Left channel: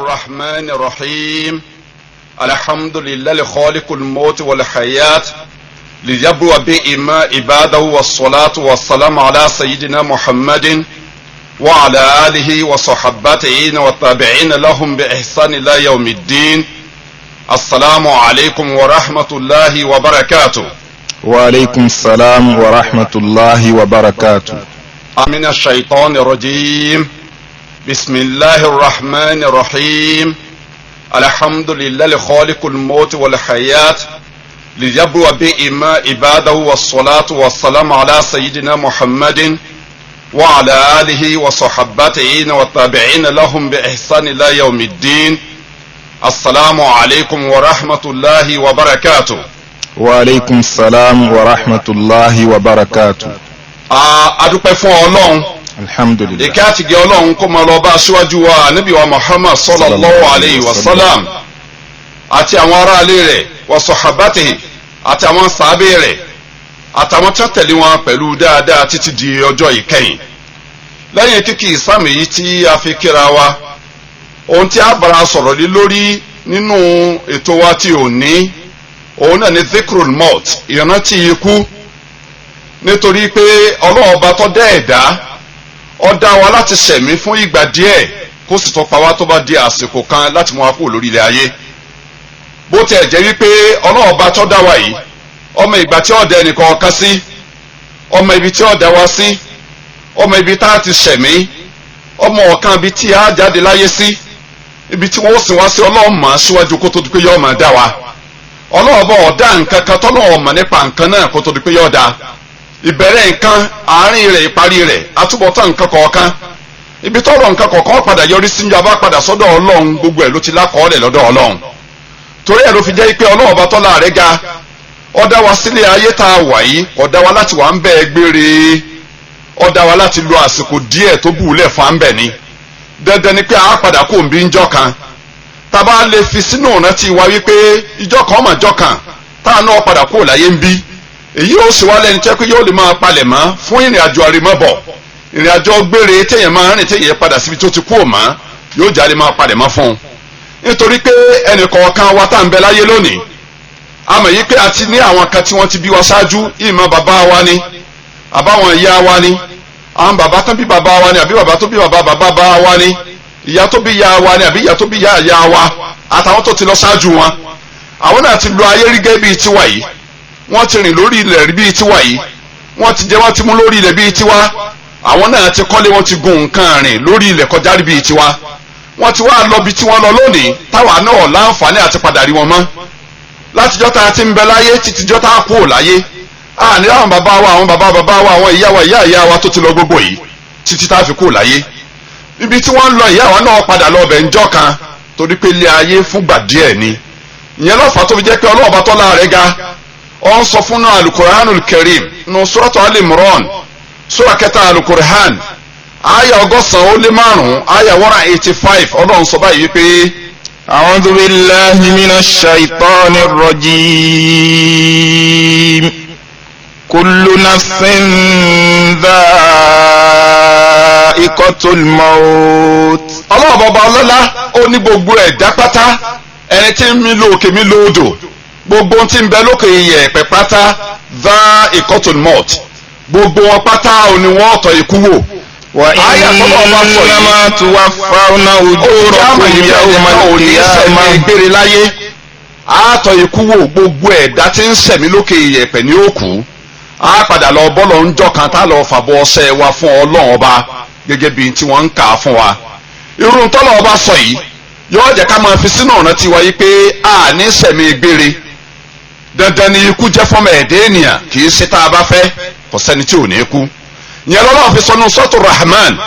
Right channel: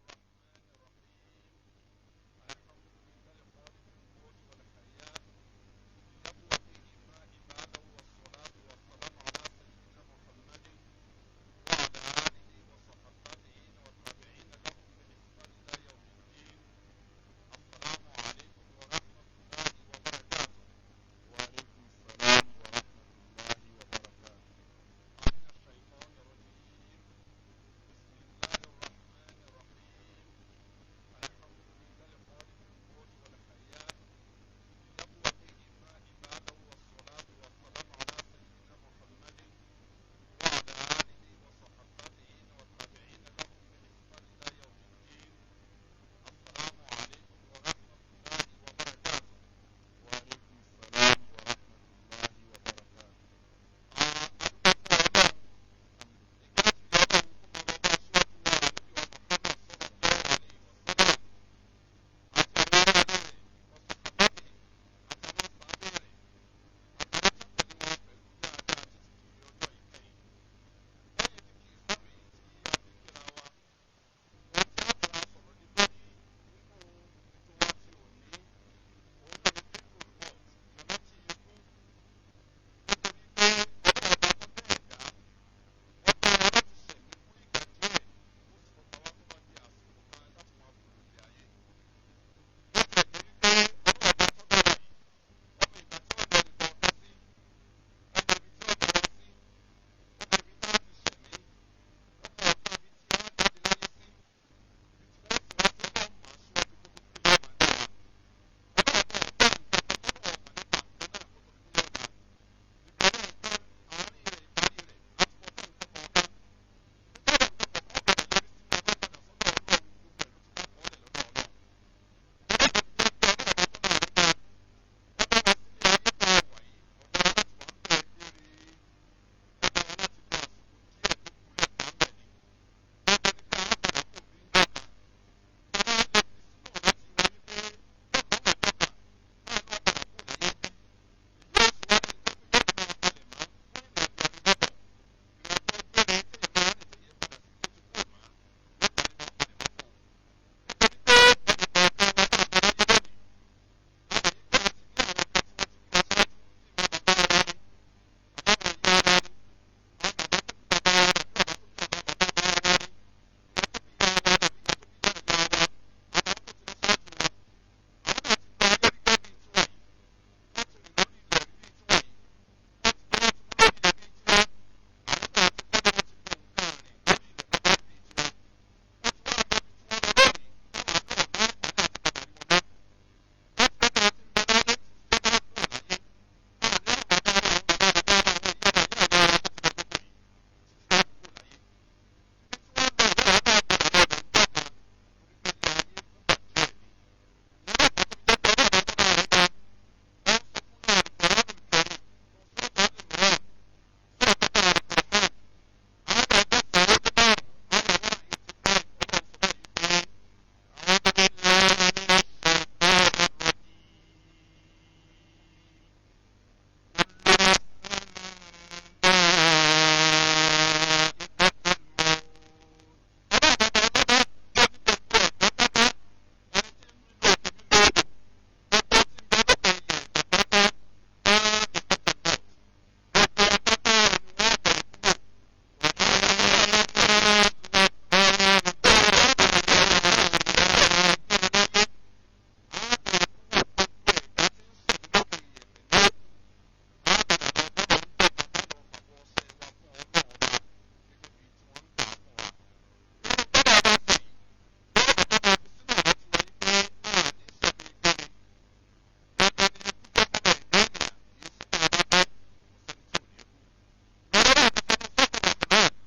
الرحمن الرحيم الحمد لله لخالق الموت والحياة ليبلو بهما عباده والصلاة والسلام على سيدنا محمد وعلى آله وصحبته والتابعين لهم بإحسان إلى يوم الدين. السلام عليكم ورحمة الله وبركاته. وعليكم السلام ورحمة الله وبركاته. من الشيطان الرجيم. بسم الله الرحمن الرحيم الحمد لله لخالق الموت والحياة ليبلو بهما عباده والصلاة والسلام على سيدنا محمد وعلى آله وصحبته والتابعين لهم بإحسان إلى يوم الدين. السلام عليكم ورحمة الله وبركاته. وعليكم السلام ورحمة الله وبركاته. adúpẹ́ fún Ọlọ́run. Alhamdulillah. ìkẹ́ àti ìgẹ́ Ọlọ́run kó máa lọ bá aṣíwájú wa Ànábì wa Muhammad sallallahu alayhi wa sallam àti àwọn aráalé rẹ̀ wa sọ̀hábàtì àti àwọn sàábé rẹ̀ àtàwọn tí wọ́n tẹ̀lé wọn pẹ̀lú dáadáa títí di ọjọ́ ìkẹyìn. lẹ́yìn kíkì ìsáàmì yìí tí a fi kíra wa, ohun tí a bára sọ̀rọ̀ lé lórí nínú ètò wa tí ò ní òun náà ni dhikrul maut, ìrántí ikú. nítorí pé Ọlọ́run ọba tó dá ẹ̀dá ó dá wa láti ṣẹ̀mí fún ìgbà díẹ̀ kó sì tó pa wá tó bá di àsìkò kan láti mú wa kúrò lórí ilẹ̀ ayé. bó tiẹ̀ jẹ́ wípé Ọlọ́run ọba tó dá wa yìí ọmọ ìgbà tí ó dá ẹnìkan kan sí, ọmọ ibi tí ó dá wa sí, ọmọ ibi tá a ti ṣẹ̀mí, ọmọ ọ̀kan ibi tí a jáde láyé sí, ibi tí wọ́n sì wá sí Ọlọ́run mọ̀ síwájú kó tó di pé yóò máa dá wa. Ọlọ́run ọba ó dá nǹkan kan tọ́lọ́run mọ̀ nípa nǹkan náà kó tó di pé yóò dá. ìbẹ̀rẹ̀ nǹkan, àárín rẹ̀, ìparí rẹ̀, àtúbọ̀tán nǹkan kọ̀ọ̀kan, ibi tọ́rọ̀ nǹkan kọ̀ọ̀kan padà yọrí sí njọba padà sọ́dọ̀ Ọlọ́run, gbogbo ẹ̀ ló ti lákọọ́lẹ̀ lọ́dọ̀ Ọlọ́run. torí ẹ̀ ló fi jẹ́ pé Ọlọ́run ọba tọ́lá rẹ̀ ga ó dá wa sílé ayé tá a wà yìí, ó dá wa láti wà ń bẹ gbére, ó dá wa láti lo àsìkò díẹ̀ tó bùúlẹ̀ fún à ń bẹ̀ ni. dandan ni pé a padà kó ń bí njọ́ kan, tá a bá lè fi sínú ìrántí wa wípé ìjọ́ kan ọmọ ìjọ́ kan táà náà padà kó láyé ń bí, èyí ó sì wá lẹ́ni tẹ́ pé yóò lè máa palẹ̀ mọ́ fún ìrìn àjò àrèmọ́bọ̀, ìrìn àjò gbére téèyàn máa rìn téèyàn padà síbi tó ti kú òmọ́, yóò jáde máa palẹ̀ mọ́ fún un. nítorí pé ẹnì kọ̀ọ̀kan wa tá à ń bẹ láyé lónìí, a mọ̀ yí pé a ti ní àwọn kan tí wọ́n ti bí wa ṣáájú, ìmọ̀ bàbá wa ni àbáwọn ìyá wa ni, àwọn bàbá tó bí bàbá wa ni àbí bàbá tó bí bàbá wa ni, ìyá tó bí ìyá wa ni àbí ìyá tó bí ìyá wa, àtàwọn tó ti lọ ṣáájú wọn. àwọn náà ti lo ayé rí gẹ́gẹ́ bíi tiwa yìí, wọ́n ti rìn lórí ilẹ̀ bíi tiwa yìí, wọ́n ti jẹ wọ́n ti mú lórí ilẹ̀ bíi tiwa, àwọn náà ti kọ́lé, wọ́n ti gun nǹkan rìn lórí ilẹ̀ kọjá rí bíi tiwa, wọ́n ti wá lọ bí tí wọ́n lọ lónìí táwa náà láǹfààní àti padà rí wọn mọ́. látijọ́ tá a ti ń bẹ láyé títijọ́ tá a kú ò láyé, ní àwọn bàbá wa, àwọn bàbá wa, àwọn ìyá wa tó ti lọ gbogbo yìí títí tá a fi kú ò láyé. ibi tí wọ́n lọ ìyá wa náà padà lọ bẹ̀ ńjọ́ kan, torí pé ilé ayé fúngbà díẹ̀ ni. ìyẹn lọ́fà tó fi jẹ́ pé Ọlọ́run bá tọ́lá rẹ̀ ga ó ń sọ fún náà alukur'anul karim nù suratu al-imran sura kẹta alukur'an aya 105 aya 185 Ọlọ́run sọ báyìí pé a'udhu billahi minash shaitanir rajim. kullu nafsin dha'iqatul maut. Ọlọ́run bàbá ọlọ́lá ó ní gbogbo ẹ̀dá pátá, ẹni tí ń mí lókè mí lódò, gbogbo tí ń bẹ lókè iyẹ̀pẹ̀ pátá dha'iqatul maut, gbogbo wọn pátá òní wọn tọ́ ikú wò. wa innama tuwaffawna ujurakum yawmal qiyamah. gbére láyé àtọ́ ikú wò, gbogbo ẹ̀dá tí ń ṣẹ̀mí lókè iyẹ̀pẹ̀ ní òkú, á padà lọ bọ́lọ̀ ńjọ́ kan tá lọ fàbọ̀ ọṣẹ wa fún Ọlọ́run ọba gẹ́gẹ́ bí tí wọ́n ń kà á fún wa. irú tọ́lọ̀ ọba sọ yìí yóò jẹ́ ká máa fi sínú ọ̀nà tiwa yìí pé a ní ṣẹ̀mí gbére. dandan ni ikú jẹ́ fọ́mọ ẹ̀dẹ́ ènìyàn, kì í ṣe tá a bá fẹ́, kò sẹ́ni tí ò ní kú. ìyẹn lọ́wọ́ fi sọnù sọ́tù Rahman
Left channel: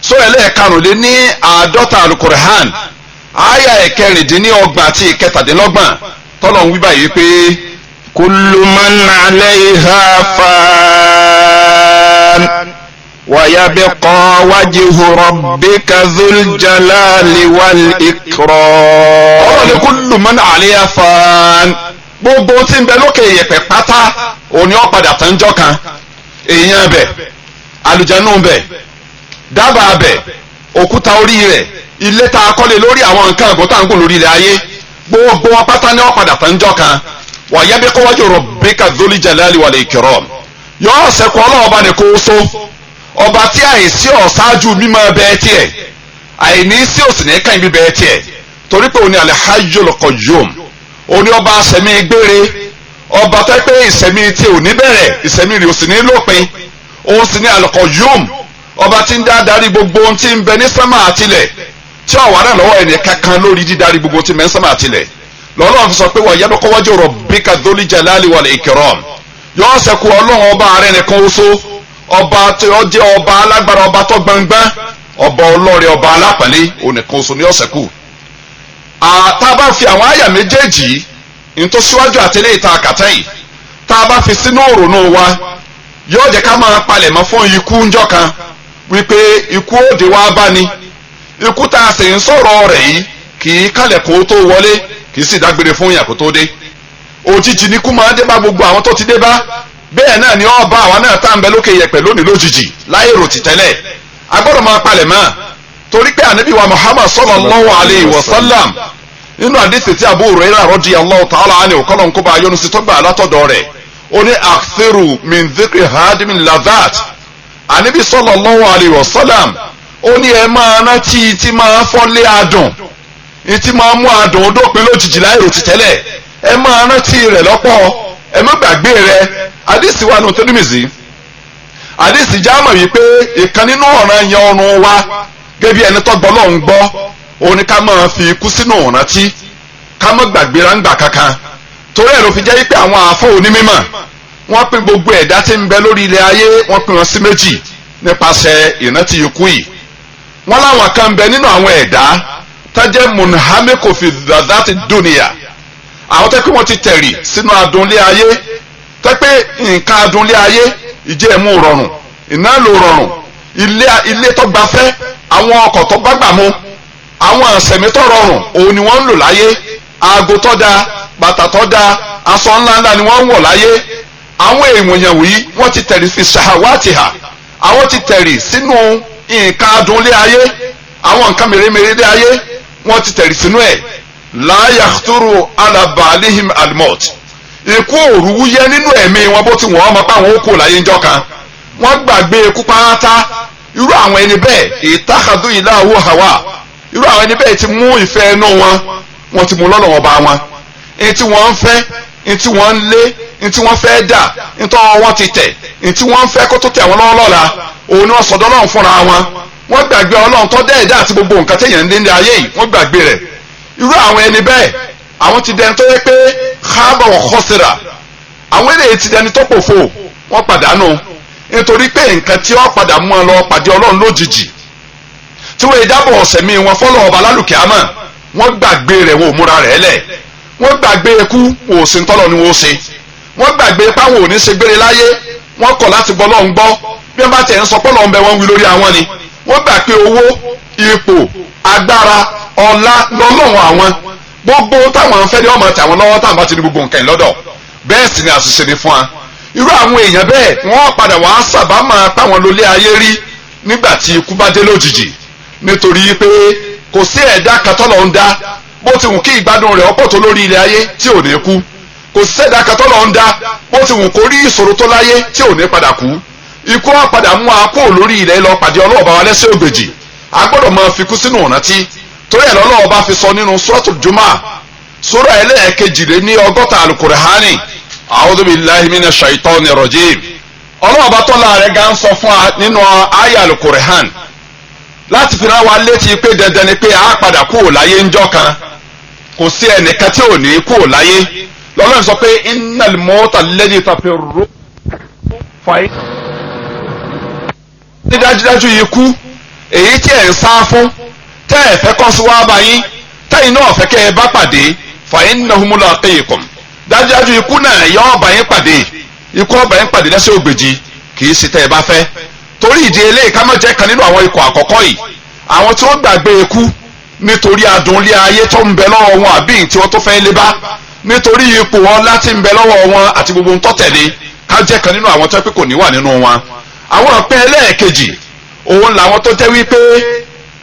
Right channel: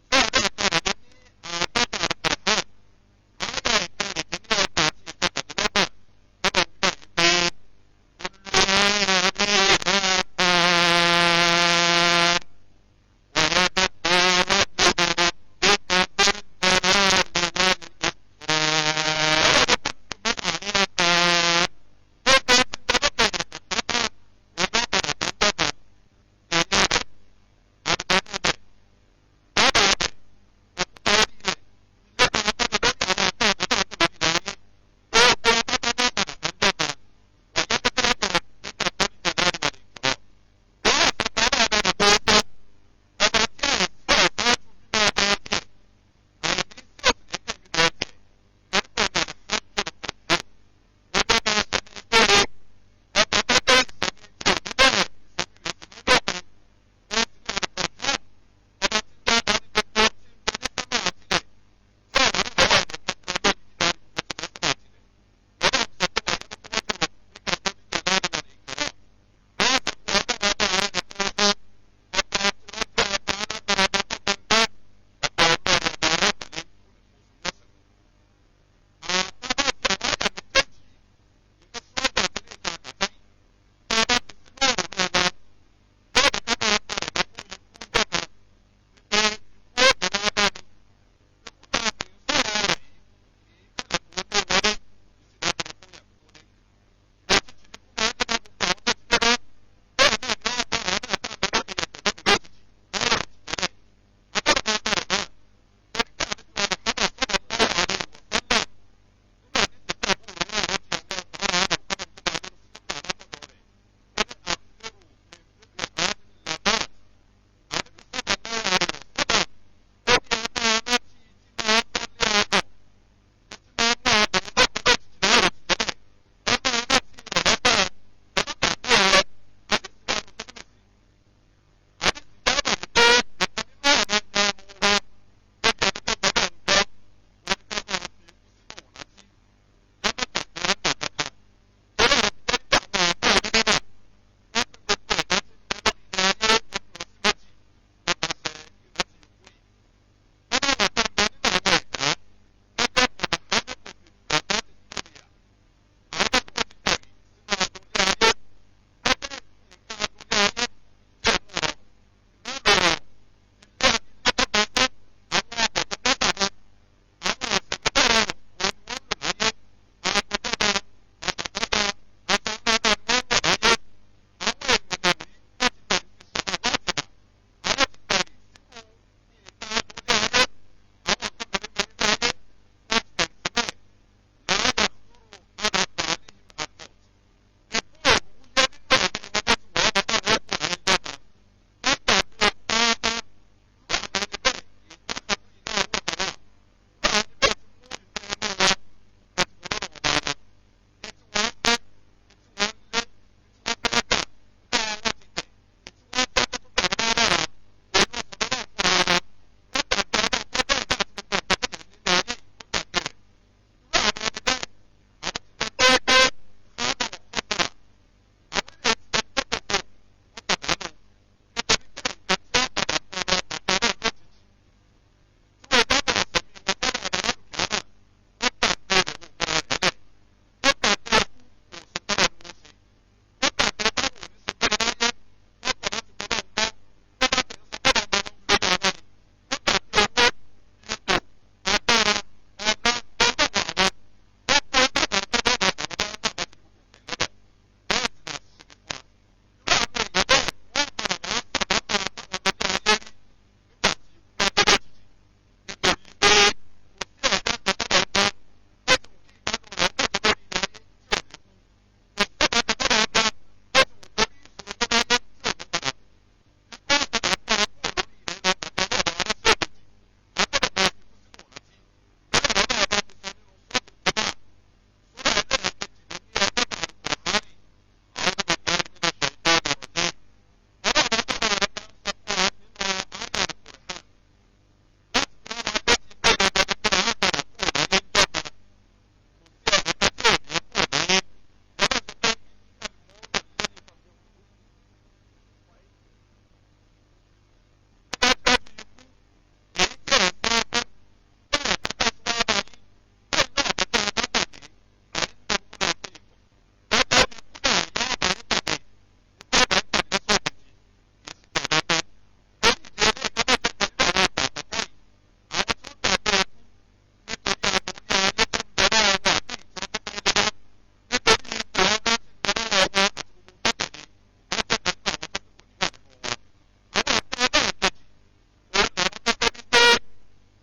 sura ẹlẹ́ẹ̀karùnléní-àádọ́ta alukur'an aya 26 àti 27 tọ́lọ̀ ń wí báyìí pé kullu man 'alayha fan wa yabqa wajhu rabbika dhul jalali wal ikram. ọ̀rọ̀ ni kullu man 'alayha fan, gbogbo tí ń bẹ lókè iyẹ̀pẹ̀ pátá òní ó padà tán jọ́ kan. èèyàn bẹ̀, àlùjànnú bẹ̀, dábàá bẹ̀, òkúta orí rẹ̀, ilé tá a kọ́lé lórí àwọn nǹkan ẹ̀gbọ́n tá à ń gùn lórí ilẹ̀ ayé gbogbo wọn pátá ní wọn padà tán jọ kan wa yabqa wajhu rabbika dhul jalali wal ikram yóò ṣẹ́kù ọlọ́ọ̀ba ní kó so ọba tí àìsí ọ̀ṣáájú mímọ́ bẹ́ẹ̀ tiẹ̀ àìní sí òsì ní kàn bíbẹ́ tiẹ̀ torí pé òní al-hayyul qayyum òní ọba àṣẹmí gbére ọba tó pé ìṣẹ̀mí tí ò ní bẹ̀rẹ̀ ìṣẹ̀mí rẹ̀ ò sì ní lópin òun sì ní al-qayyum ọba tí ń darí gbogbo ohun tí ń bẹ ní sánmà àtilẹ̀ tí ọ̀wá náà lọ́wọ́ ẹni kankan lórí dídarí gbogbo ohun tí ń bẹ ní sánmà àtilẹ̀ lọ́lọ́run fi sọ pé wa yabqa wajhu rabbika dhul jalali wal ikram yóò ṣẹ́kù ọlọ́run ọba rẹ̀ nìkan oṣó ọba tí ó jẹ́ ọba alágbára ọba tó gbọngbọ́n ọba ọlọ́rẹ̀ ọba alápàlẹ́ onìkan oṣù ní ọ̀sẹ̀ kù. tá a bá fi àwọn àyà méjèèjì ntòsíwájú àtẹlẹ́ ìta àkàtà yìí tá a bá fi sínú òrònú wa yóò jẹ́ ká máa palẹ̀ mọ́ fún ikú ńjọ́ kan wípé ikú òde wa bá ní ikú tá a sì ń sọ̀rọ̀ rẹ̀ yìí kì í kálẹ̀ kó tó wọlé kì í sì dágbére fún yàn kó tó dé òjijì ni kú máa dé bá gbogbo àwọn tó ti dé bá bẹ́ẹ̀ náà ni ó bá àwa náà tá à ń bẹ lókè yẹ̀pẹ̀ lónìí lójijì láyé rò ti tẹ́lẹ̀ agbọ́dọ̀ máa palẹ̀ mọ́ torí pé ànábì wa Muhammad sallallahu alayhi wa sallam nínú àdìsí tí Abu Hurairah radiyallahu ta'ala anhu kọ́lọ̀ ń kó bá yọnu sí tó gbà látọ̀dọ̀ rẹ̀ ó ní akthiru min dhikri hadimin ladhat ànábì sallallahu alayhi wa sallam ó ní ẹ máa rántí tí máa fọ́lé adùn tí máa mú adùn dópin lójijì láyé rò ti tẹ́lẹ̀ ẹ máa rántí rẹ̀ lọ́pọ̀ ẹ má gbàgbé rẹ̀ àdìsí wa nù Tirmidhi àdìsí jámọ̀ wípé ìkan nínú ọ̀ràn yẹn ọrùn wa gẹ́gẹ́ bí ẹni tó gbọ́ lọ́hùn gbọ́ òun ni ká máa fi ikú sínú ìrántí ká má gbàgbé ráńgbà kankan torí ẹ̀ ló fi jẹ́ wípé àwọn àfọ onímọ̀ wọ́n pín gbogbo ẹ̀dá tí ń bẹ lórí ilẹ̀ ayé wọ́n pín wọn sí méjì nípasẹ̀ ìrántí ikú yìí wọ́n láwọn kan ń bẹ nínú àwọn ẹ̀dá tájẹ́ munhamiko fi dhati dunya àwọn tẹ́ pé wọ́n ti tẹ̀rì sínú adùnlé ayé tẹ́ pé nǹkan adùnlé ayé ìjẹ́ ẹ̀mú rọrùn iná ló rọrùn ilé tó gbafẹ́ àwọn ọkọ̀ tó gbàgbà mu àwọn àṣẹ̀mí tó rọrùn òun ni wọ́n ń lò láyé aago tó da bàtà tó da aṣọ ńláńlá ni wọ́n ń wọ̀ láyé àwọn èèyàn wọ̀nyí wọ́n ti tẹ̀rì fi ṣahawatiha àwọn ti tẹ̀rì sínú nǹkan adùnlé ayé àwọn nǹkan mèremère lé ayé wọ́n ti tẹ̀rì sínú ẹ̀ la yakhturu ala balihim almot ikú òrùwú yẹ nínú ẹ̀mí wọn bó ti wọ́n ọmọ pa àwọn okò láyé ńjọ́ kan wọ́n gbàgbé ikú pátá irú àwọn ẹni bẹ́ẹ̀ ìtàkàdú ìlàwó hawa irú àwọn ẹni bẹ́ẹ̀ ti mú ìfẹ́ ẹnu wọn ti mú lọ́nà wọn bá wọn ẹni tí wọ́n ń fẹ́ ẹni tí wọ́n ń lé ẹni tí wọ́n fẹ́ dà ẹni tí wọ́n ti tẹ̀ ẹni tí wọ́n ń fẹ́ kó tó tẹ̀ wọ́n lọ́wọ́ lọ́la òun ni wọ́n sọ̀dọ̀ Ọlọ́run fúnra wọn wọ́n gbàgbé Ọlọ́run tó dẹ́ ẹ̀dá àti gbogbo nǹkan téèyàn ń lé ní ayé yìí wọ́n gbàgbé rẹ̀ irú àwọn ẹni bẹ́ẹ̀ àwọn ti dẹni tó yẹ pé khaba wa khasira àwọn eléyìí ti dẹni tó pòfo wọ́n pàdánù nítorí pé nǹkan tí wọ́n padà mú ọ lọ pàdé Ọlọ́run lójijì tí wọ́n ìdábọ̀ ọ̀sẹ̀ mi wọn fọ́lọ́ ọba lálùkẹ́ àmọ́ wọ́n gbàgbé rẹ̀ wọ́n ò múra rẹ̀ lẹ̀ wọ́n gbàgbé ikú wọ́n ò sí ntọ́lọ́ ni wọ́n ó ṣe wọ́n gbàgbé páwọn ò ní ṣe gbére láyé wọ́n kọ̀ láti gbọ́ Ọlọ́run gbọ́ bí wọ́n bá tẹ̀ ń sọ pọ́lọ́ ọ̀nbẹ wọn wí lórí àwọn ni wọ́n gbà pé owó ipò agbára ọlá lọ́lọ́run àwọn gbogbo táwọn ń fẹ́ ni wọ́n máa tẹ̀ àwọn lọ́wọ́ táwọn bá ti ní gbogbo nǹkan lọ́dọ̀ bẹ́ẹ̀ sì ni àṣìṣe ni fún wa irú àwọn èèyàn bẹ́ẹ̀ wọ́n padà wá sábà máa páwọn lólé ayé rí nígbà tí ikú bá dé lójijì nítorí pé kò sí ẹ̀dá kan tọ́lọ̀ ń dá bó ti wù kí ìgbádùn rẹ̀ ọ̀pọ̀ tó lórí ilẹ̀ ayé tí ò ní kú kò sí ẹ̀dá kan tọ́lọ̀ ń dá bó ti wù kó rí ìṣòro tó láyé tí ò ní padà kú ikú á padà mú akó lórí ilẹ̀ lọ pàdé ọlọ́ọ̀bá wa lẹ́sẹ̀ ògbèjì a gbọ́dọ̀ máa fi kú sínú ìrántí torí ẹ̀ lọ́lọ́ọ̀bá fi sọ nínú suratul Jumu'ah sura ẹlẹ́ẹ̀kejì-lé-ní-ọgọ́ta al-Qur'ani a'udhu billahi minash shaitani rajim ọlọ́ọ̀bá tọ́lá rẹ̀ gan sọ fún wa nínú àyá al-Qur'an láti fi rán wa létí pé dandan ni pé a padà kúrò láyé ńjọ́ kan kò sí ẹnìkan tí ò ní kúrò láyé lọ́lọ́run sọ pé innal mawta alladhi tafirru fàyè. ní dájúdájú ikú èyí tí ẹ̀ ń sá fún tẹ́ ẹ̀ fẹ́ kọ́ sí wá bá yín tẹ́yìn náà fẹ́ kẹ́ ẹ bá pàdé fa innahu mulaqikum dájúdájú ikú náà yọ ọba yín pàdé ikú ọba yín pàdé lẹ́sẹ̀ ògbèjì kì í ṣe tẹ́ ẹ bá fẹ́ torí ìdí eléyìí ká má jẹ́ kan nínú àwọn ikọ̀ àkọ́kọ́ yìí àwọn tí wọ́n gbàgbé ikú nítorí adùn ilé ayé tó ń bẹ lọ́wọ́ wọn àbí tí wọ́n tó fẹ́ lé bá nítorí ipò wọn láti ń bẹ lọ́wọ́ wọn àti gbogbo ntọ́tẹ̀lé ká jẹ́ kan nínú àwọn tó pé kò ní wà nínú wọn. àwọn ọ̀pẹ ẹlẹ́ẹ̀kejì òun làwọn tó jẹ́ wípé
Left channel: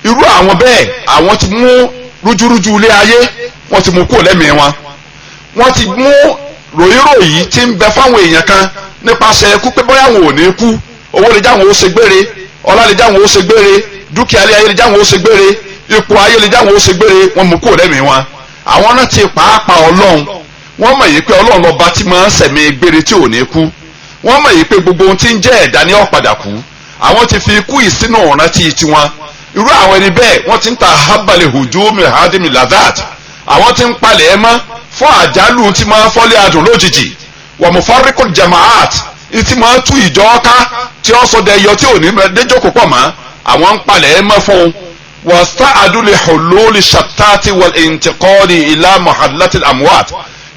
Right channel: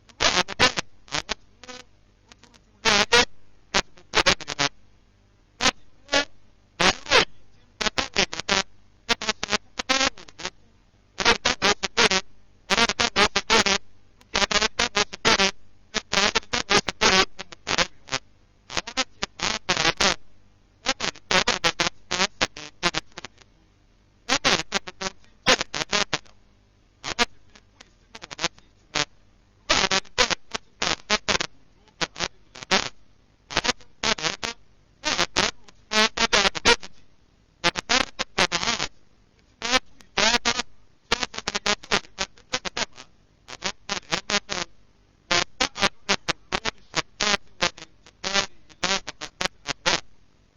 irú àwọn bẹ́ẹ̀ àwọn ti mú rújúrújú ilé ayé wọ́n ti mú kó lẹ́mìí wọn, wọ́n ti mú ròyìnròyìn tí ń bẹ fáwọn èèyàn kan nípasẹ̀ ikú pé bóyá àwọn ò ní kú, owó lè jáwọn ó ṣe gbére, ọlá lè jáwọn ó ṣe gbére, dúkìá lé ayé lè jáwọn ó ṣe gbére, ipò ayé lè jáwọn ó ṣe gbére, wọ́n mú kó lẹ́mìí wọn. àwọn náà ti pàápàá ọlọ́run, wọ́n mọ̀ yìí pé ọlọ́run lọ́ba tí máa ń sẹ̀mí gbére tí ò ní kú, wọ́n mọ̀ yìí pé gbogbo ohun tí ń jẹ́ ẹ̀dá ní ó padà kú, àwọn ti fi ikú ìsínú ìrántí tiwọn. irú àwọn ẹni bẹ́ẹ̀ wọ́n ti ń ta habale hujumi hadimi ladat, àwọn ti ń palẹ̀ ẹ mọ́ fún àjálù tí máa fọ́lé adùn lójijì, wa mufarriqul jamaat tí máa tú ìjọ ká tí ó sọ dẹyọ tí ò ní déjókòó pọ̀ mọ́, àwọn ń palẹ̀ ẹ mọ́ fún un. wasta'adu li hululi shattati wal intiqali ila muhallatil amwat,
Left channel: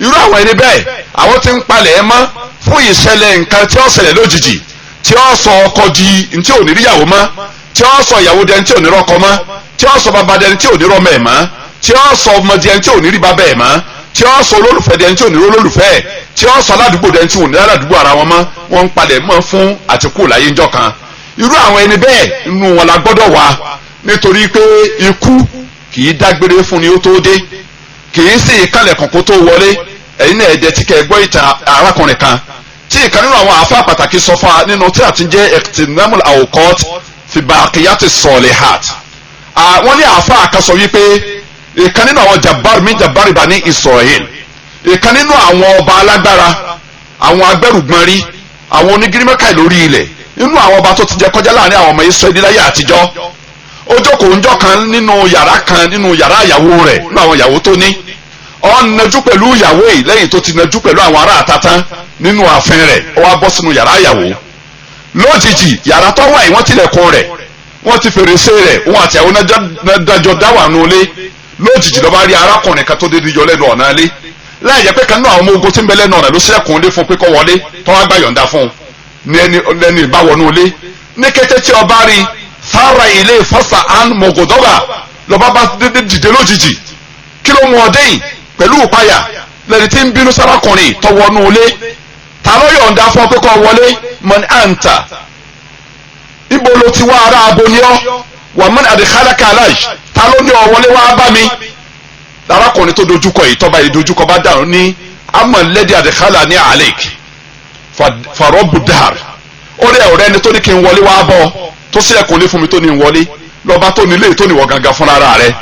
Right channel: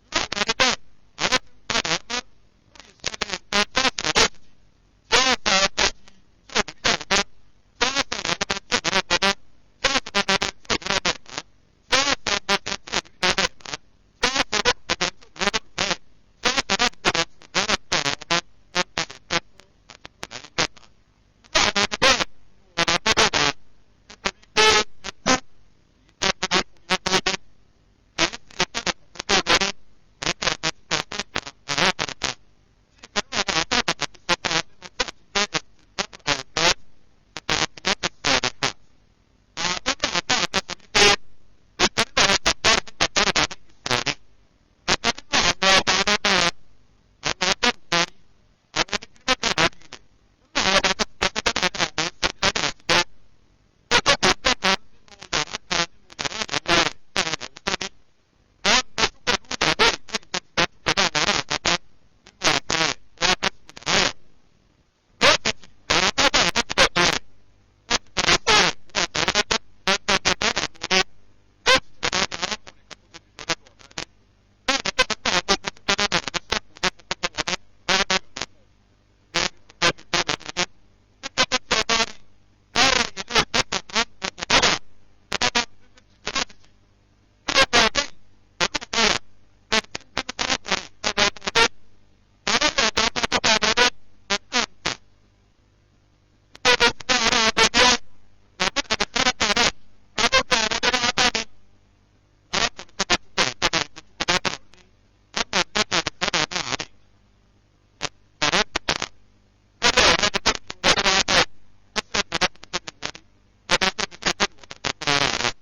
irú àwọn ẹni bẹ́ẹ̀ àwọn ti ń palẹ̀ ẹ mọ́ fún ìṣẹ̀lẹ̀ nǹkan tí ó ṣẹlẹ̀ lójijì tí ó sọ ọkọ di ntí ò ní ríyàwó mọ́, tí ó sọ ìyàwó dẹni tí ò ní rọ́kọ mọ́, tí ó sọ bàbá dẹni tí ò ní rọ́mọ ẹ̀ mọ́, tí ó sọ ọmọ dẹni tí ò ní rí bàbá ẹ̀ mọ́, tí ó sọ olólùfẹ́ dẹni tí ò ní rí olólùfẹ́ ẹ̀, tí ó sọ aládùúgbò dẹni tí ò ní aládùúgbò ara wọn mọ́. wọ́n ń palẹ̀ mọ́ fún àtikú láyé ńjọ́ kan. irú àwọn ẹni bẹ́ẹ̀ inú wọn la gbọ́dọ̀ wà, nítorí pé ikú kì í dágbére fún ni ó tó dé, kì í sì kálẹ̀ kàn kó tó wọlé. ẹ̀yin náà ẹ̀jẹ̀ tí kẹ́ gbọ́ ìtàn arákùnrin kan tí ìkan nínú àwọn àfa pàtàkì sọ fún wa nínú tí a ti jẹ́ ikhtinamul awqat fi baqiyati salihat. wọ́n ní àfa àkàsọ wípé ìkan nínú àwọn jabbar bani Israel, ìkan nínú àwọn ọba alágbára, àwọn agbẹ́rùgbọ́nrí, àwọn onígírímẹ́kà lórí ilẹ̀, nínú àwọn ọba tó ti jẹ kọjá láàrin àwọn ọmọ Israẹli láyé àtijọ́. ó jókòó ńjọ́ kan nínú yàrá ìyàwó rẹ̀, nínú àwọn ìyàwó tó ní. ó najú pẹ̀lú ìyàwó yìí lẹ́yìn tó ti najú pẹ̀lú àwọn ará àtàtàn nínú ààfin rẹ̀, ó wá bọ́ sínú yàrá ìyàwó. lójijì yàrá tó wà yìí wọ́n tilẹ̀kùn rẹ̀, wọ́n ti fèrèsé rẹ̀, òun àti àwọn dájọ́ dáwà nulẹ̀. lójijì ló bá rí arákùnrin kan tó dédé yọ lẹ́nu ọ̀nà ilé, láì jẹ́ pé kan náà àwọn ọmọ ogun tí ń bẹ lẹ́nu ọ̀nà ló ṣẹ́kùn lé fún pé kó wọlé, tó wá gbà yọ̀ǹda fún un ní ẹni ìbáwọnú ilé. ní kété tí ọba rí sára ilé fọ́sà án mọ̀gòdọ́gà lọ́ba bá dédé dìde lójijì. kí ló mú ọdẹ yìí pẹ̀lú ìpayà lẹ́ni tí ń bínú sárakùnrin tó wọnú ilé. ta ló yọ̀ǹda fún ọ pé kó wọlé? man anta, ibo ló ti wá ara abo ni ọ́? wà man adkhalaka alayh, ta ló ní ọ wọlé wá bá mi? arákùnrin tó dojúkọ yìí tọ́ba yìí dojúkọ bá dàrú ní amman ladhi adkhalani alayk fa rabbu dahr. ó rí ọ̀rẹ́ ni tó ní kí n wọlé wá bọ́ tó sílẹ̀kùn lé fún mi tó ní n wọlé, lọ́ba tó nílé tó níwọ̀ gangan fúnra rẹ̀.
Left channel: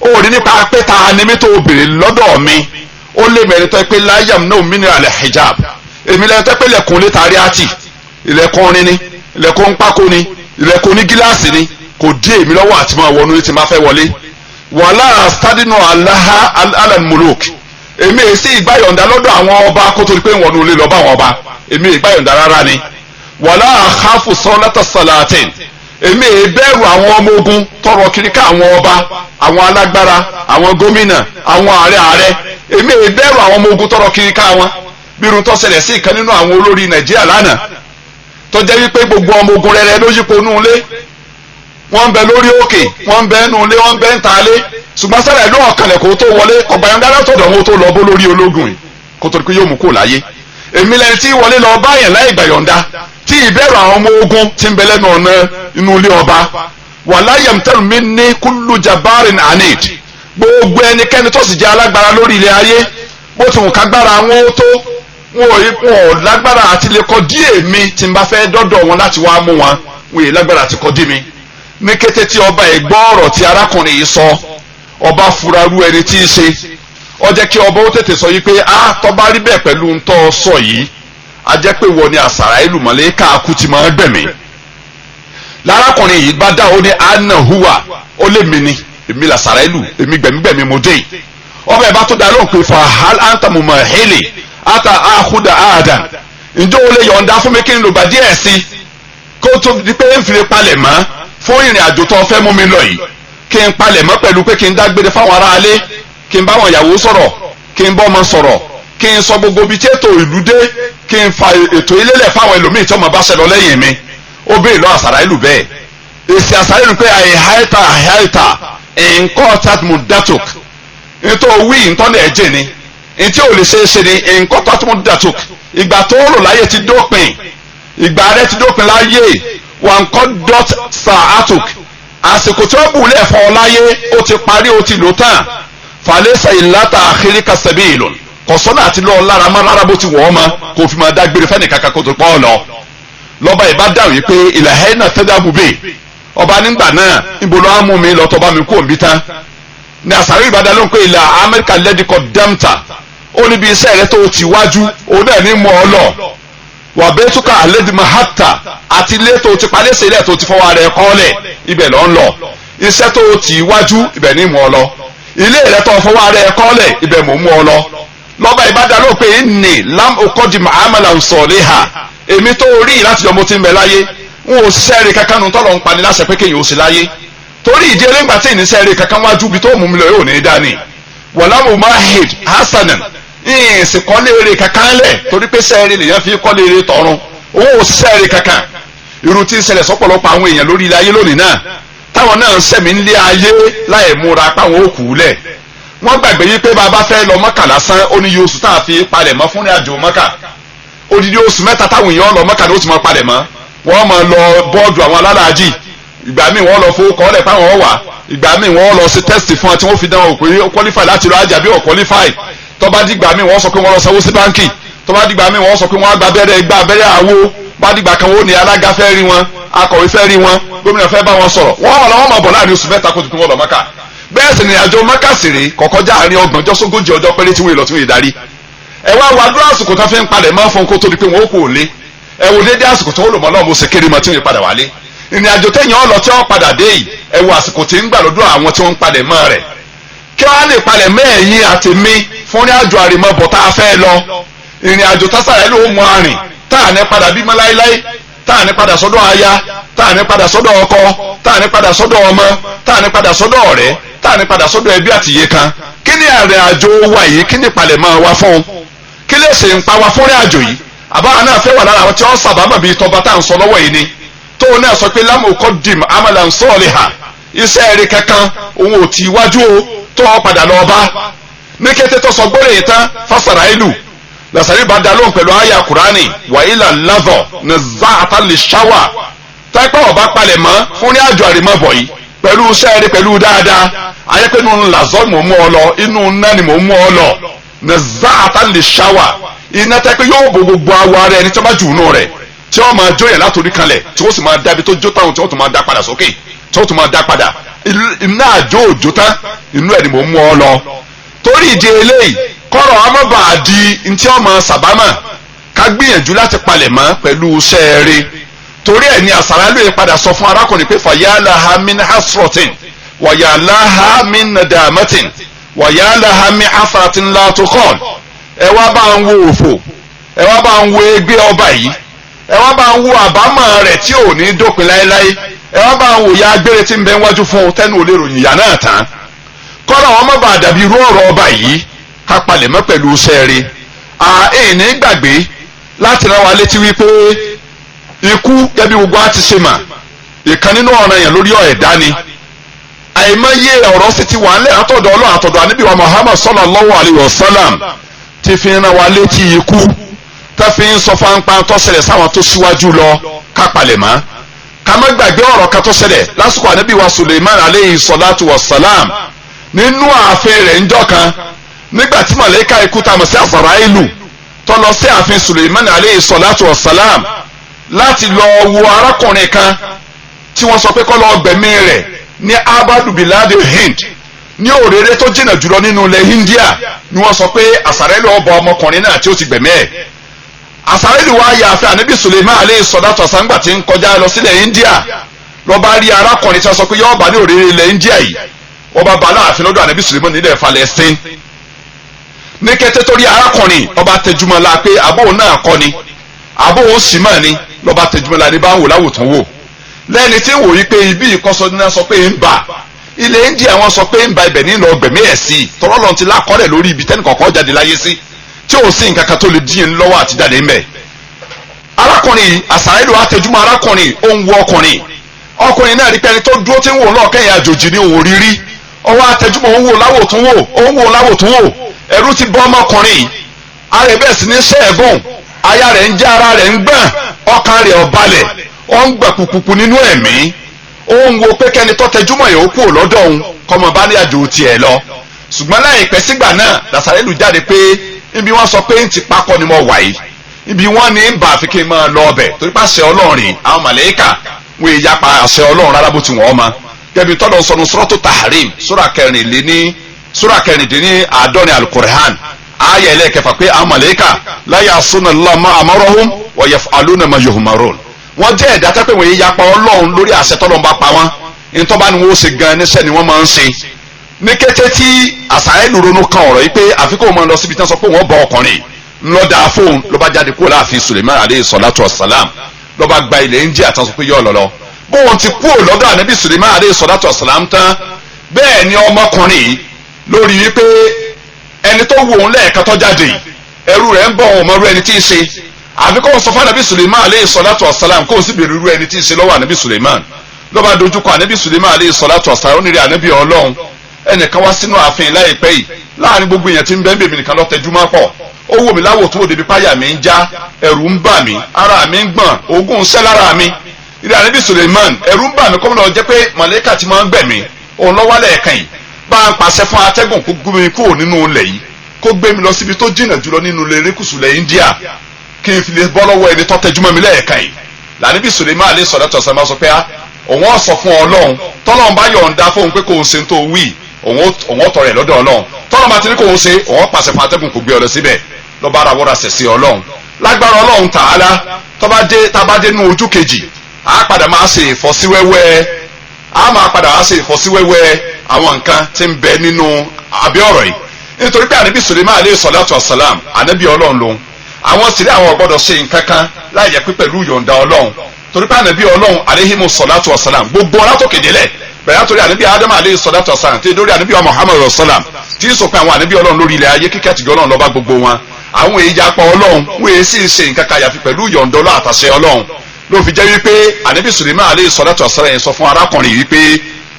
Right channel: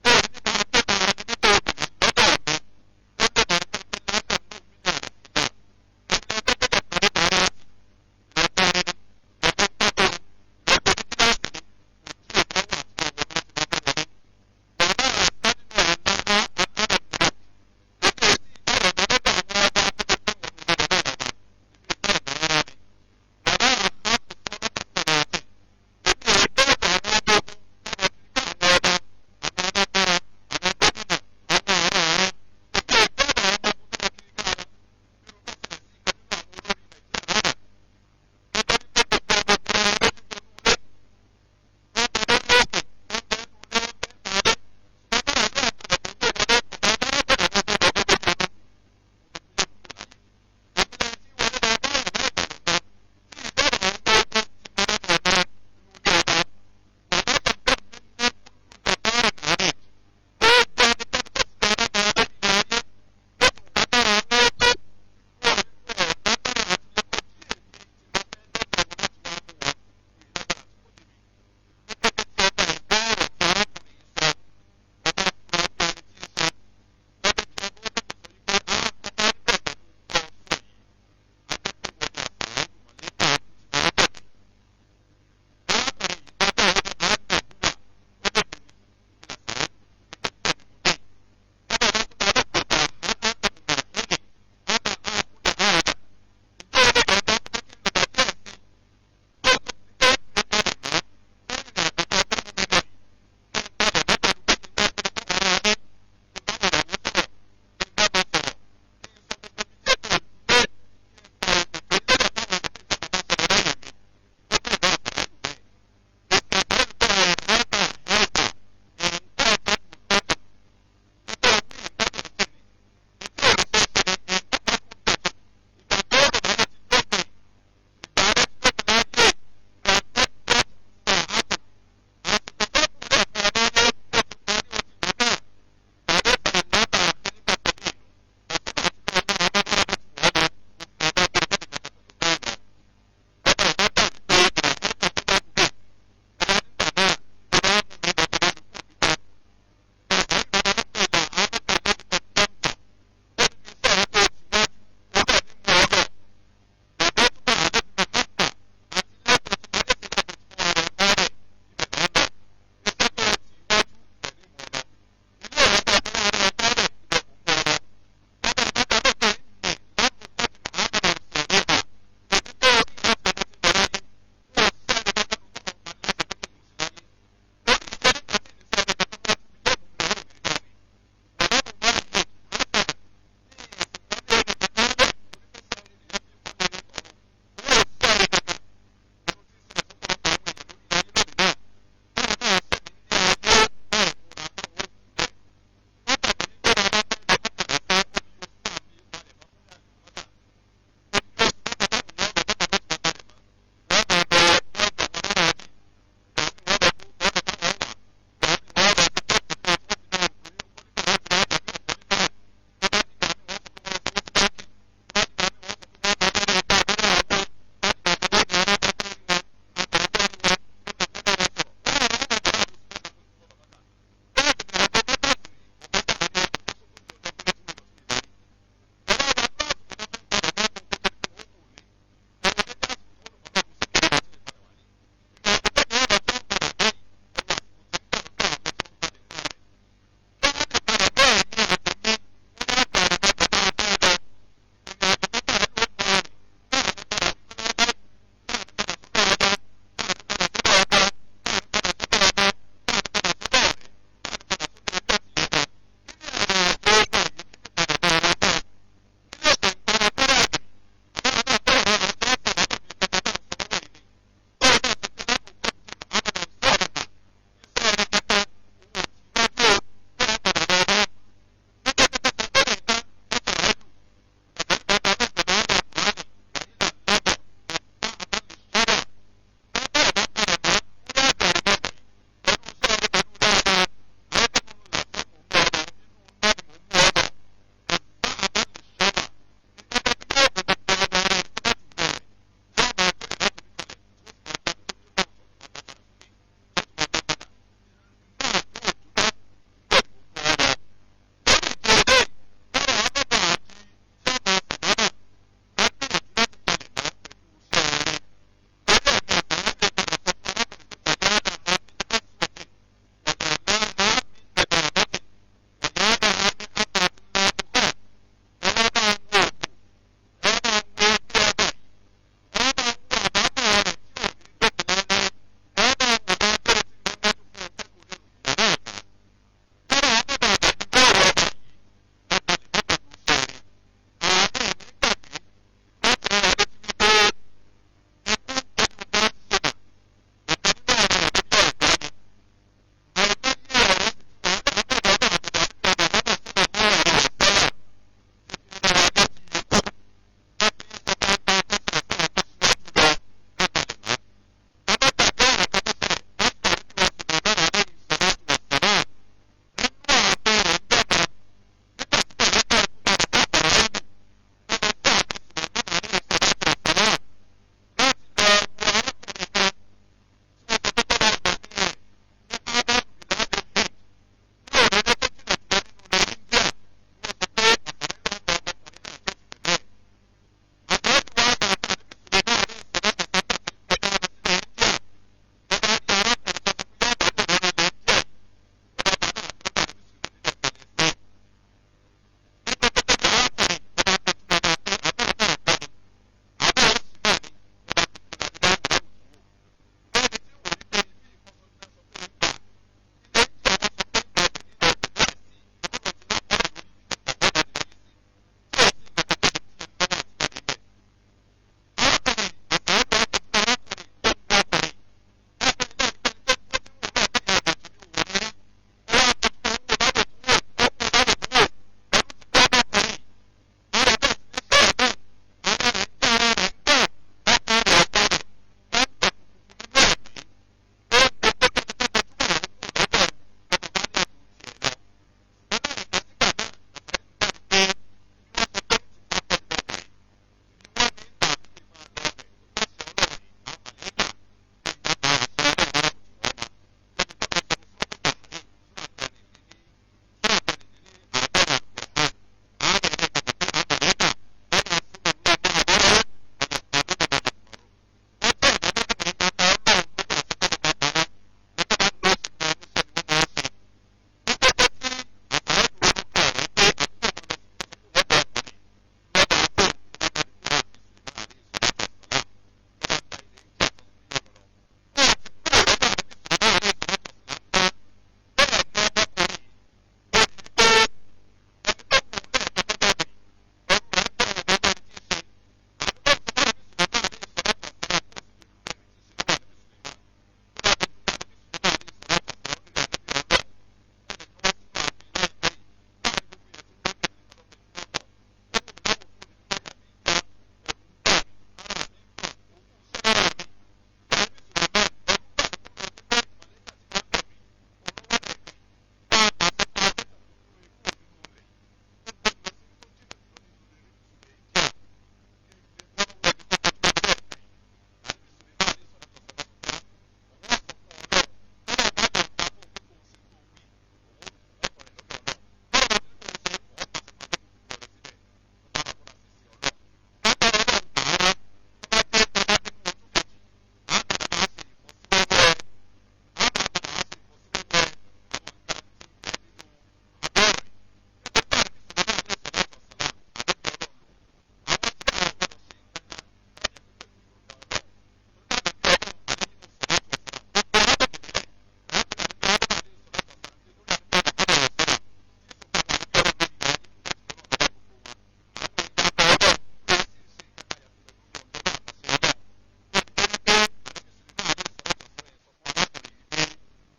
ó rí nípa pé ta ni mi tó béèrè lọ́dọ̀ mi, ó lé mẹ́rin tó pé la yamna'u min al-hijab, èmi lẹ́yìn tó pé lẹ́kùn lé tàrí àti ilẹ̀kùn rin ni, ilẹ̀kùn pákó ni, ilẹ̀kùn ní gíláàsì ni, kò dí èmi lọ́wọ́ àti máa wọnú tí máa fẹ́ wọlé. wàhálà stadinu alaha alalmuluk, èmi èsì ìgbàyọ̀ǹda lọ́dọ̀ àwọn ọba kó tó di pé ń wọnú ilé lọ bá àwọn ọba, èmi ìgbàyọ̀ǹda rárá ni. wàhálà àkàfù sọ́nàtà salatin, èmi ìbẹ̀rù àwọn ọmọ ogun tọrọ kiri ká àwọn ọba, àwọn alágbára, àwọn gómìnà, àwọn ààrẹ, èmi ìbẹ̀rù àwọn ọmọ ogun tọrọ kiri ká wọn. bí irun tó ṣẹlẹ̀ sí ìkan nínú àwọn olórí Nàìjíríà lánàá tó jẹ́ wípé gbogbo ọmọ ogun rẹ̀ ló yípo nú ilé, wọ́n ń bẹ lórí òkè, wọ́n ń bẹ nú ilé, wọ́n ń bẹ ń ta ilé, ṣùgbọ́n sára ìlú ọ̀kanlẹ̀ kó tó wọlé ọ̀gbàyànjá látọ̀dọ̀ wọn tó lọ bó lórí ológun yìí kó tó di pé yóò mú kó láyé. èmi lẹni tí wọlé lọ báyẹn láì gbàyọ̀ǹda, tí ìbẹ̀rù àwọn ọmọ ogun ti ń bẹ lẹ́nu ọ̀nà inú ilé ọba. wala yamtanu minni kullu jabbarin anid, gbogbo ẹnikẹ́ni tó sì jẹ́ alágbára lórí ilé ayé, bó ti wù kágbára wọn ó tó, wọn ò lágbára àti lè kọ dí èmi tí n bá fẹ́ dọ́dọ̀ wọn láti wá mú wọn, wọn yè lágbára àti kọ dí mi. ní kété tí ọba ẹ̀ gbọ́ ọ̀rọ̀ tí arákùnrin yìí sọ, ọba furaru ẹni tí í ṣe, ó jẹ́ kí ọba ó tètè sọ yìí pé tó bá rí bẹ́ẹ̀ pẹ̀lú ń tọ́ sọ yìí, a jẹ́ pé wọ́n ni àsàrà ìlú mọ̀lẹ́ káàkú ti máa gbẹ̀mí. lárákùnrin yìí bá dá ó ní anna huwa, ó lé mi ni, èmi làsàrà ìlú, èmi gbẹ̀mígbẹ̀mí mo dé. ọba ẹ̀ bá tó dá lóhùn pé fa hal anta mumahili ata ahuda adan, ǹjẹ́ o lè yọ̀ǹda fún mi kí n lò gbà díẹ̀ sí kó tó di pé ń fi palẹ̀ mọ́ fún ìrìn àjò tó fẹ́ mú mi lọ yìí, kí n palẹ̀ mọ́ pẹ̀lú pé kí n dágbére fáwọn aráalé, kí n bá wọn ìyàwó sọ̀rọ̀, kí n bọ́ ọmọ sọ̀rọ̀, kí n sọ gbogbo ibi tí ètò ìlú dé, kí n fa ètò ilélẹ̀ fáwọn ẹlòmíì tí ọmọ bá ṣẹlọ lẹ́yìn mi. ó béèrè lọ àsàrà ìlú bẹ́ẹ̀, èsì àsàrà ìlú pé àìháìta nǹkan tàtmù datuk, nítorí wí ntọ́nà ẹ̀jẹ̀ ni, ntí ò lè ṣeéṣe ni nǹkan tàtmù datuk, ìgbà tó rò láyé ti dópin, ìgbà rẹ ti dópin láyé, wà nǹkan dot sa'atuk, àsìkò tí wọ́n bù lẹ̀ fọ́ láyé ó ti parí ó ti lò tán falẹ́sà ìlàtà àkíríkà sabilun kọ̀sọ́nà àti lọ́ọ́ lára má rárá bó ti wọ̀ ọ́ ma kò fi máa dágbére fẹ́ni kankan kó tó pọ́ ọ lọ lọ́ba ìbá dáhùn yìí pé ìlàhẹ́ náà tẹ́lẹ̀ àbúbẹ̀ ọba nígbà náà níbo ló á mú mi lọ tọ́ba mi kú òǹbí tán ní àsàrí ìbàdàn ló ń pè ilà amẹ́ríkà lẹ́díkọ̀ dẹ́mta ó níbi iṣẹ́ rẹ tó ti wájú òun náà ní mọ́ ọ lọ wà bẹ́ẹ̀ túkà àlẹ́dìmọ̀ hàtà àti ilé tó ti palẹ́sẹ̀ ilẹ̀ tó ti fọwọ́ rẹ̀ kọ́lẹ̀ ibẹ̀ lọ́ ń lọ iṣẹ́ tó ti wájú ibẹ̀ ní mọ́ ọ lọ ilé rẹ tó fọwọ́ rẹ̀ kọ́lẹ̀ ibẹ̀ mọ́ mú ọ lọ lọ́ba ìbàdàn ló pè ní lam okodi muhammadan sọ̀lẹ́hà èmi tó rí láti ọmọ tí ń bẹ láyé n ò sẹ́ẹ̀rì kankan nu tọ́lọ̀ ń pani láṣẹ pé kéèyàn ó sì láyé torí ìdí eléńgbà tí ìní sẹ́ẹ̀rì kankan wájú bí tó mú mi lọ yóò ní dání wàlámù mahid hasanan ìsìn kọ́lé eré kankan lẹ̀ torí pé sẹ́ẹ̀rì lèyàn fi kọ́lé eré tọ̀run owó ò sẹ́ẹ̀rì kankan irú tí ń ṣẹlẹ̀ sọ́pọ̀lọpọ̀ àwọn èèyàn lórí ilé ayé lónìí náà táwọn náà ń sẹ̀mí ń lé ayé láì múra páwọn ó kú lẹ̀ wọ́n gbàgbé yí pé bàbá fẹ́ lọ Mọ́kà lásán ó ní oṣù tá a fi palẹ̀ mọ́ fún ìrìnàjò Mọ́kà odidi oṣù mẹ́ta táwọn èèyàn lọ Mọ́kà ni ó ti máa palẹ̀ mọ́ wọ́n máa lọ bọ́ọ̀dù àwọn alálàájì ìgbà míì wọ́n lọ fowó kọ́lẹ̀ páwọn wà ìgbà míì wọ́n lọ sí tẹ́sítì fún wọn tí wọ́n fi dánwò pé ó qualify láti lọ àjà bí ó qualify tó bá dìgbà míì wọ́n sọ pé wọ́n lọ sanwó sí báńkì tó bá dìgbà míì wọ́n sọ pé wọ́n á gba abẹ́rẹ́ àwo bá dìgbà kan wọ́n ní alága fẹ́ rí wọn akọ̀wé fẹ́ rí wọn gómìnà fẹ́ bá wọn sọ̀rọ̀ wọ́n máa bọ̀ láàrin oṣù mẹ́ta kó tó wọ́n lọ Mọ́kà bẹ́ẹ̀ sì ni àjọ Mọ́kà sì rèé kọ̀kọ́já àárín ọgbọ̀njọ́ sógójì ọjọ́ péré tí wọ́n lọ tún ìdarí ẹ wá wá dúró àsìkò tó fi ń palẹ̀ máa fún kó tó di pé wọ́n ó kò lé ẹ wò dédé àsìkò tó lò mọ́ náà mo ṣe kéré mọ́ tí wọ́n padà wálé ìrìn àjò téèyàn ọlọ tí wọ́n padà dé yìí ẹ wò àsìkò tí ń gbà lọ́dọ̀ àwọn tí wọ́n ń palẹ̀ mọ́ rẹ̀ kí wọ́n á lè palẹ̀ mẹ́ẹ̀yìn àti mi fún ìrìn àjò àrèmọ́bọ̀ tá a fẹ́ lọ ìrìn àjò tásàrẹ́ ló mú arìn tá à ní padà bímọ láéláé tá à ní padà sọ́dọ̀ aya tá à ní padà sọ́dọ̀ ọkọ tá à ní padà sọ́dọ̀ ọmọ tá à ní padà sọ́dọ̀ ọ̀rẹ́ tá à ní padà sọ́dọ̀ ẹbí àtìyé kan kí ni ìrìn àjò wa yìí kí ni palẹ̀ mọ́ wa fún kí lè ṣe ń pa wa fún ìrìn àjò yìí àbáwọn náà fẹ́ wà lára àwọn tí wọ́n sábàámọ̀ bíi tọba tá à ń sọ lọ́wọ́ yìí ni tóun náà sọ pé lámù kọ́ dìm amalan saliha iṣẹ́ rẹ̀ kankan òun ò tí wájú o tó wọ́n padà lọ bá ní kété tó sọ gbọ́dọ̀ yìí tán fásitì ìlú làṣàrí bá dá lóhùn pẹ̀lú àyà kùránì wàhálà lazọ ní záàtà lè ṣáwà táìpẹ́ ọba palẹ̀ mọ́ fún ní àjọ àrèmọ́bọ̀ yìí pẹ̀lú iṣẹ́ rẹ̀ pẹ̀lú dáadáa ayẹ́pẹ́ inú làzọ́ mò ń mú ọ lọ inú náà ni mò ń mú ọ lọ ní záàtà lè ṣáwà iná táìpẹ́ yóò bo gbogbo awọ ara ẹni tí wọ́n bá jù nù rẹ̀ tí wọ́n máa jó yẹn látòrí kanlẹ̀ tí wọ́n sì máa dábí tó jó táwọn tí wọ́n tún máa dá padà sókè tí wọ́n tún máa dá padà iná àjò òjò tán inú ẹ̀ ni mò ń mú ọ lọ torí ìdí eléyìí kọ́rọ̀ ọmọọba di ntí ọmọ sàbámà ká gbìyànjú láti palẹ̀ mọ́ pẹ̀lú sẹ́ẹ̀rẹ́ torí ẹ̀ ní àsàrà lóye padà sọ fún arákùnrin pé fàyàlàhà min hasrotin wàyàlàhà min nadamatin wàyàlàhà min afratin latukọ́l ẹ wá bá ń wo òfò ẹ wá bá ń wo ẹgbẹ́ ọba yìí ẹ wá bá ń wo àbámọ̀ rẹ̀ tí ò ní dópin láéláé ẹ wá bá ń wo ya agbére tí ń bẹ wájú fún tẹnu ò lè ròyìn ìyá náà tán kọ́rọ̀ ọmọọba dàbí irú ọ̀rọ̀ ọba yìí ká palẹ̀ mọ́ pẹ̀lú sẹ́ẹ̀rẹ́ àìní gbàgbé láti rán wa létí wípé ikú gẹ́bí gbogbo á ti ṣe mà ìkan nínú ọ̀ràn yẹn lórí ẹ̀dá ni àìmọye ọ̀rọ̀ sì ti wà ńlẹ̀ àtọ̀dọ̀ Ọlọ́run àtọ̀dọ̀ ànábì wa Muhammad sallallahu alayhi wa sallam ti fi rán wa létí ikú tá fi ń sọ fáńpá tó ṣẹlẹ̀ sáwọn tó síwájú lọ ká palẹ̀ mọ́ ká má gbàgbé ọ̀rọ̀ kan tó ṣẹlẹ̀ lásìkò ànábì wa Suleiman alayhi salatu wa salam nínú ààfin rẹ̀ ńjọ́ kan nígbàtí màlẹ́kà ikú tá a mọ̀ sí Azrailu tó lọ sí ààfin Suleiman aleyhi salatu wa salam láti lọ wo arákùnrin kan tí wọ́n sọ pé kó lọ gbẹ̀mí rẹ̀ ní abadu biladi Hind ní òrèrè tó jìnnà jùlọ nínú ilẹ̀ India ni wọ́n sọ pé Azrailu ọba ọmọkùnrin náà tí ó ti gbẹ̀mí ẹ̀ Azrailu wá ya ààfin ànábì Suleiman aleyhi salatu wa salam gbà tí ń kọjá lọ sílẹ̀ India lọ bá rí arákùnrin tí wọ́n sọ pé yọ́ọ́ bá ní òrèrè ilẹ̀ India yìí wọ́n bá láàfin lọ́dọ̀ ànábì Suleiman nílẹ̀ Palestine ní kété torí arákùnrin ọba tẹjúmọ́ la pé àbó náà kọ́ ni àbó òun sì mọ̀ ni lọ́ba tẹjúmọ́ la ní bá ń wò láwòtún wò lẹ́ni tí ń wò yí pé ibi ìkọ́sọ́ ní sọ pé ń bà ilẹ̀ India wọn sọ pé ń ba ibẹ̀ nílò ọgbẹ̀mí ẹ̀ sí tọ́lọ́ lọ́n ti lákọ́rẹ̀ lórí ibi tẹ́nì kọ̀ọ̀kan jáde láyé sí tí ò sí nǹkan kan tó lè dín lọ́wọ́ àti jáde ń bẹ̀. arákùnrin Azrailu àtẹjúmọ́ arákùnrin ó ń wo ọkùnrin náà rí pé ẹni tó dúró tí ń wò náà kẹ́yìn àjòjì ní òun rírí ọwọ́ àtẹjúmọ́ ó ń wò láwòtún wò ẹ̀rù ti bọ́ ọmọkùnrin ara bẹ́ẹ̀ sì ní sẹ́ẹ̀gùn aya rẹ̀ ń já ara rẹ̀ ń gbọ̀n ọkàn rẹ̀ ọ̀balẹ̀ ó ń gbà pùpùpù nínú ẹ̀mí ó ń wo pé kẹ́ni tó tẹjúmọ́ yòó kú lọ́dọ̀ òun kọ́mọ bá ní àjò tiẹ̀ lọ ṣùgbọ́n láìpẹ́ sígbà náà Nasarelu jáde pé ibi wọ́n sọ pé ń ti pákọ́ ni mo wà yìí ibi wọ́n ní ń bá àfi kí n máa lọ ọbẹ̀ torí pé àṣẹ Ọlọ́run rìn àwọn màlẹ́kà wọ́n èyí yapa àṣẹ Ọlọ́run rárá bó ti wọ́n ma gẹ́bí tọ́lọ̀ sọnù Suratu Tahrim sura kẹrìndínní àádọ́rin Al-Qur'an ayé ẹlẹ́kẹfà pé àwọn màlẹ́kà la ya'suna Allaha ma amarahum wa yaf'aluna ma yu'marun wọ́n jẹ́ ẹ̀dá tẹ́pẹ́ wọ́n èyí yapa Ọlọ́run lórí àṣẹ tọ́lọ̀ ń bá pa wọ́n ìtọ́ba ni wọ́n ṣe gan níṣẹ́ ni wọ́n máa ń ṣe ní kété tí Nasarelu ronú kan ọ̀rọ̀ yìí pé àfikún máa lọ síbi tí wọ́n sọ pé wọ́n bọ ọkùnrin ńlọ́dà fóun ló bá jáde kúrò láàfin Suleiman aleyhi salatu wasalam ló bá gba ilẹ̀ India tán sọ pé yọ lọ́lọ́ bóun ti kúrò lọ́dọ̀ ànábì Suleiman aleyhi salatu wasalam tán bẹ́ẹ̀ ni ọmọkùnrin yìí lórí wípé ẹni tó wù òun lẹ́ẹ̀kan tó jáde ẹrú rẹ̀ ń bọ̀ òun mọ́rú ẹni tí ì ṣe àfikún sọ fún ànábì Suleiman aleyhi salatu wasalam kó o sì bèrè irú ẹni tí ì ṣe lọ́wọ́ ànábì Suleiman ló bá dojúkọ ànábì Suleiman aleyhi salatu wasalam ó ní rí ànábì Ọlọ́run ẹnìkan wá sínú ààfin láìpẹ́ yìí láàrin gbogbo èèyàn tí ń bẹ́ẹ̀ bèmí nìkan lọ tẹjú máa pọ̀ ó wò mí láwò tó wò débi páyà mi ń já ẹ̀rù ń bà mí ara mi ń gbọ̀n oògùn ń sẹ́ lára mi ìdí ànábì Suleiman ẹ̀rù ń bà mí kọ́mọ́nà jẹ́ pé màlẹ́kà ti máa ń gbẹ̀mí òun lọ́wọ́ lẹ́ẹ̀kan yìí bá ń pàṣẹ fún atẹ́gùn kó gbé mi kúrò nínú ilẹ̀ yìí kó gbé mi lọ síbi tó jìnnà jùlọ nínú ilẹ̀ erékùsù ilẹ̀ India kí n fi lè bọ́ lọ́wọ́ ẹni tó tẹjú mọ́ mi lẹ́ẹ̀kan yìí lànàbì Suleiman alẹ́ sọ̀rọ̀ tó sọ sọ pé òun ọ̀ sọ fún Ọlọ́run tọ́lọ́run bá yọ̀ǹda fóun pé kò ń ṣe tó wí òun ọ̀tọ̀ rẹ̀ lọ́dọ̀ Ọlọ́run tọ́lọ́run bá ti ní kò ń ṣe òun pàṣẹ fún atẹ́gùn kò gbé ọ lọ síbẹ̀ lọ́ba ara wọ́ra sẹ̀ sí Ọlọ́run lágbára Ọlọ́run Ta'ala tábàdé nínú ojú kejì á padà máa ṣe ìfọ́síwẹ́wẹ́ àwọn nǹkan tí ń bẹ nínú abẹ́ ọ̀rọ̀ yìí nítorí pé ànábì Suleiman aleyhi salatu wasalam ànábì Ọlọ́run lòun àwọn sì rí àwọn gbọ́dọ̀ ṣe nǹkan kan láì jẹ́ pé pẹ̀lú yọ̀ǹda Ọlọ́run torí pé ànábì Ọlọ́run aleyhi salatu wasalam gbogbo ọlátòkèdè lẹ̀ bẹ̀rẹ̀ àtòrí ànábì Ádámù aleyhi salatu wasalam tí lórí ànábì Muhammad rasalam tí ń sọ pé àwọn ànábì Ọlọ́run lórí ilẹ̀ ayé kíkẹ́ àtìgọ́ Ọlọ́run lọ́ba gbogbo wọn àwọn èyí japa Ọlọ́run wọ́n èyí sì ṣe nǹkan kan yàfi pẹ̀lú yọ̀ǹda Ọlọ́run àtàṣẹ Ọlọ́run ló fi jẹ́ wípé ànábì Suleiman aleyhi salatu wasalam yẹn sọ fún arákùnrin wípé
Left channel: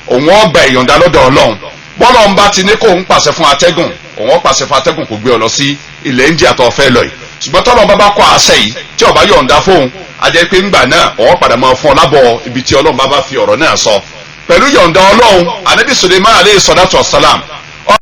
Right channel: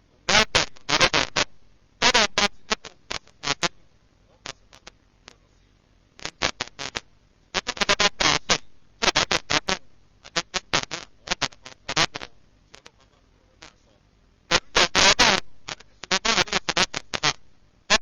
òun ó gba ìyọ̀ǹda lọ́dọ̀ Ọlọ́run bọ́lọ̀ ń bá ti ní kó ń pàṣẹ fún atẹ́gùn òun ó pàṣẹ fún atẹ́gùn kò gbé ọ lọ sí ilẹ̀ India tó fẹ́ lọ yìí ṣùgbọ́n tọ́lọ́ bá bá kọ́ àṣẹ yìí tí ó bá yọ̀ǹda fóun ajẹ́ pé ńgbà náà òun padà máa fún ọ lábọ̀ ibi tí Ọlọ́run bá fi ọ̀rọ̀ náà sọ pẹ̀lú yọ̀ǹda Ọlọ́run ànábì Suleiman aleyhi salatu wasalam